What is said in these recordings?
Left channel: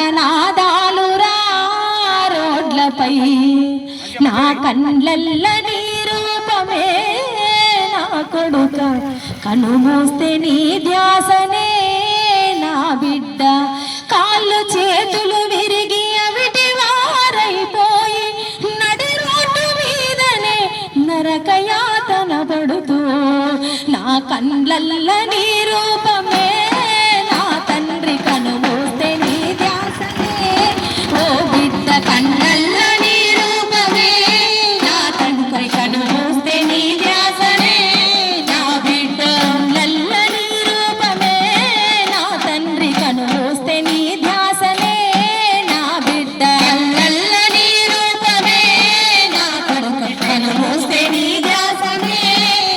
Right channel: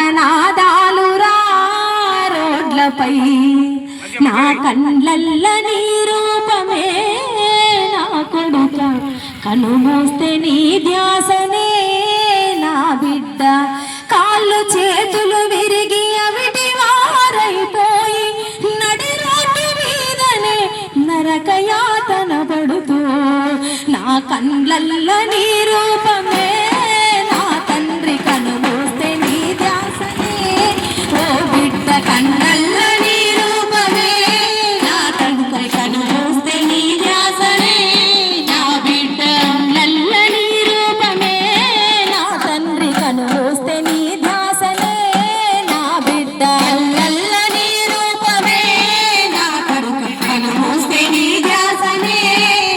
ఎన్నార్తనాదాలురా రోడ్లపై నా కళ్ళల్ల నీ రూపమే నా కొడుక కనుమూస్తే నీ ధ్యాసనే నా బిడ్డ కాళ్ళు చేతులు విరిగి అవిటి వారైపోయి నడి రోడ్డు మీదనే నరకయాతన పడుతూ నా కళ్ళల్ల నీ రూపమే నా తండ్రి కనుమూస్తే నీ ధ్యాసనే ఓ బిడ్డ కళ్ళల్ల నీ రూపమే నా తండ్రి కనుమూస్తే నీ ధ్యాసనే నా బిడ్డ కళ్ళల్ల నీ రూపమే నా తండ్రి కనుమూస్తే నీ ధ్యాసనే నా బిడ్డ కళ్ళల్ల నీ రూపమే నా కొడుకు కనుమూస్తే నీ ధ్యాసనే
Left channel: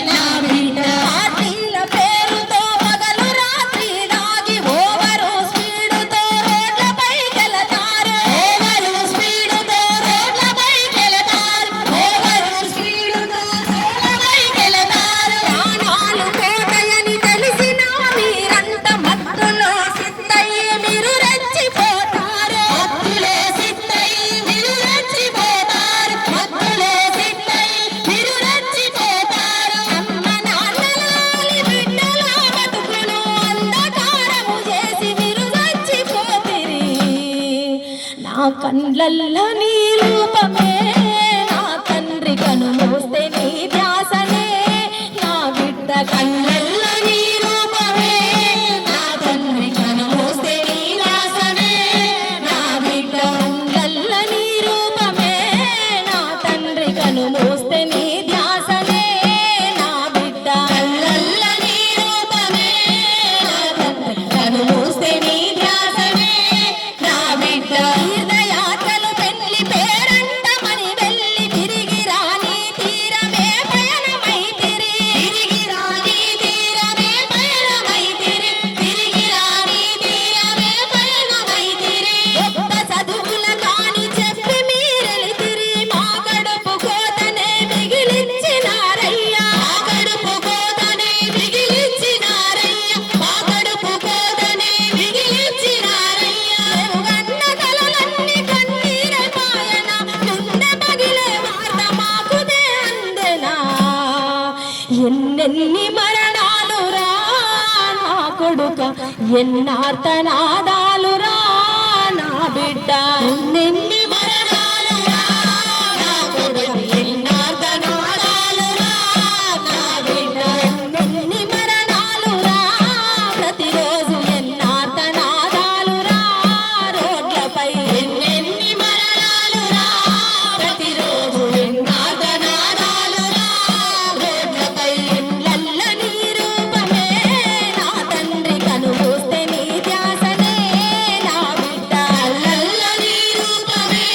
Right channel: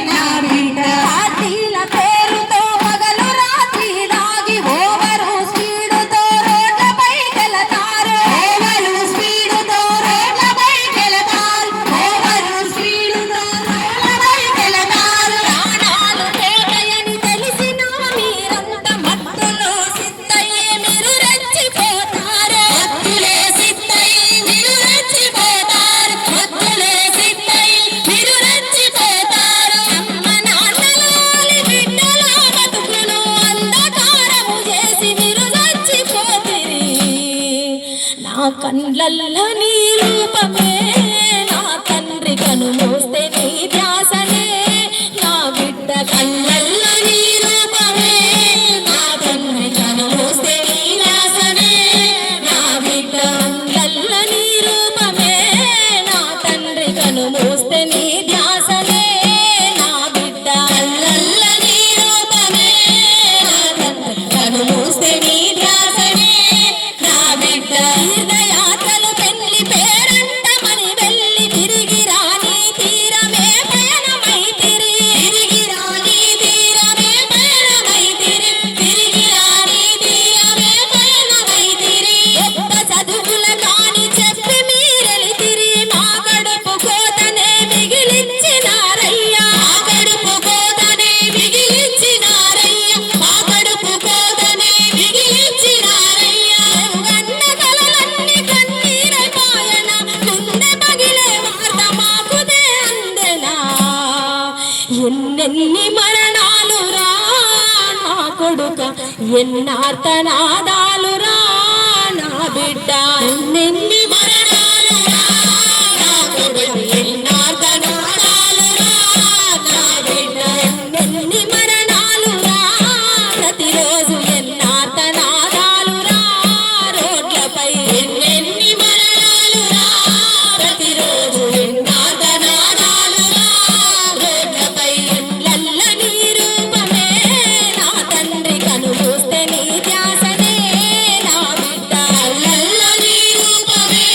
నా బిడ్డ పార్టీల పేరుతో పగలు రాత్రి దాగి ఓవరు స్పీడుతో రోడ్లపైకెళతారు ఓవరు స్పీడుతో రోడ్లపైకెళతారు ఓవరు స్పీడుతో రోడ్లపైకెళతారు ప్రాణాలు పోతాయని తెలిసినా మీరంత మత్తులో సిద్ధయ్యి మీరు రెచ్చిపోతారు మత్తులే సిద్ధయ్యి మీరు రెచ్చిపోతారు మత్తులే సిద్ధయ్యి మీరు రెచ్చిపోతారు అమ్మ నాన్నలోని బిడ్డల బతుకులు అంధకారము చేసి మీరు చచ్చిపోతిరి నా కళ్ళల్లో నీ రూపమే నా తండ్రి కనుమూస్తే నీ ధ్యాసనే నా బిడ్డ కళ్ళల్లో నీ రూపమే నా తండ్రి కనుమూస్తే నీ ధ్యాసనే నా బిడ్డ కళ్ళల్లో నీ రూపమే నా తండ్రి కనుమూస్తే నీ ధ్యాసనే నా బిడ్డ కళ్ళల్లో నీ రూపమే నా తండ్రి కనుమూస్తే నీ ధ్యాసనే నా బిడ్డ తీర్థయాత్రలు పెళ్లి పేరంటమని వెళ్ళి తిరిగి రాని తీరమే పయనమైతిరి తిరిగి రాని తీరమే పయనమైతిరి తిరిగి రాని తీరమే పయనమైతిరి గొప్ప చదువుల కాని చెప్పి మీరెలితిరి మా గడుపు కోతనే మిగిలించినారయ్యా మా గడుపు కోతనే మిగిలించినారయ్యా మా గడుపు కోతనే మిగిలించినారయ్యా గన్న కలలన్నీ కన్నీరైపాయన గుండె పగిలే వార్త మాకుదే అందెనా ఎన్నెన్ని మరణాలురా నా కొడుక ఎన్నార్తనాదాలురా నా బిడ్డ ఎన్నెన్ని మరణాలురా నా కొడుక ఎన్నార్తనాదాలురా నా బిడ్డ ఎన్నెన్ని మరణాలురా ప్రతిరోజు ఎన్నార్తనాదాలురా రోడ్లపై ఎన్నెన్ని మరణాలురా ప్రతిరోజు ఎన్నార్తనాదాలురా రోడ్లపై ఎల్లల్ల నీ రూపమే నా తండ్రి కనుమూస్తే నీ ధ్యాసనే నా బిడ్డ కళ్ళల్ల నీ రూపమే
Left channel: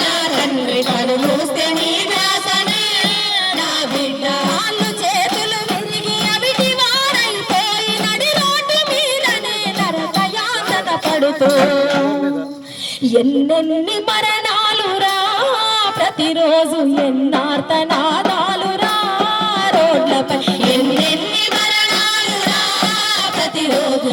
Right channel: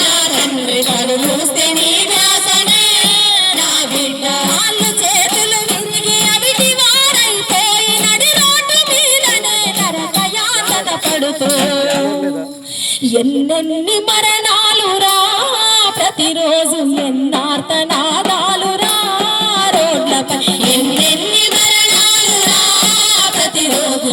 నా తండ్రి కనుమూస్తే నీ ధ్యాసనే నా బిడ్డ కాళ్ళు చేతులు విరిగి అవిటి వారైపోయి నడి రోడ్డు మీదనే నరకయాతన పడుతూ ఎన్నెన్ని మరణాలురా ప్రతిరోజు ఎన్నార్తనాదాలురా రోడ్లపై ఎన్నెన్ని మరణాలురా ప్రతిరోజు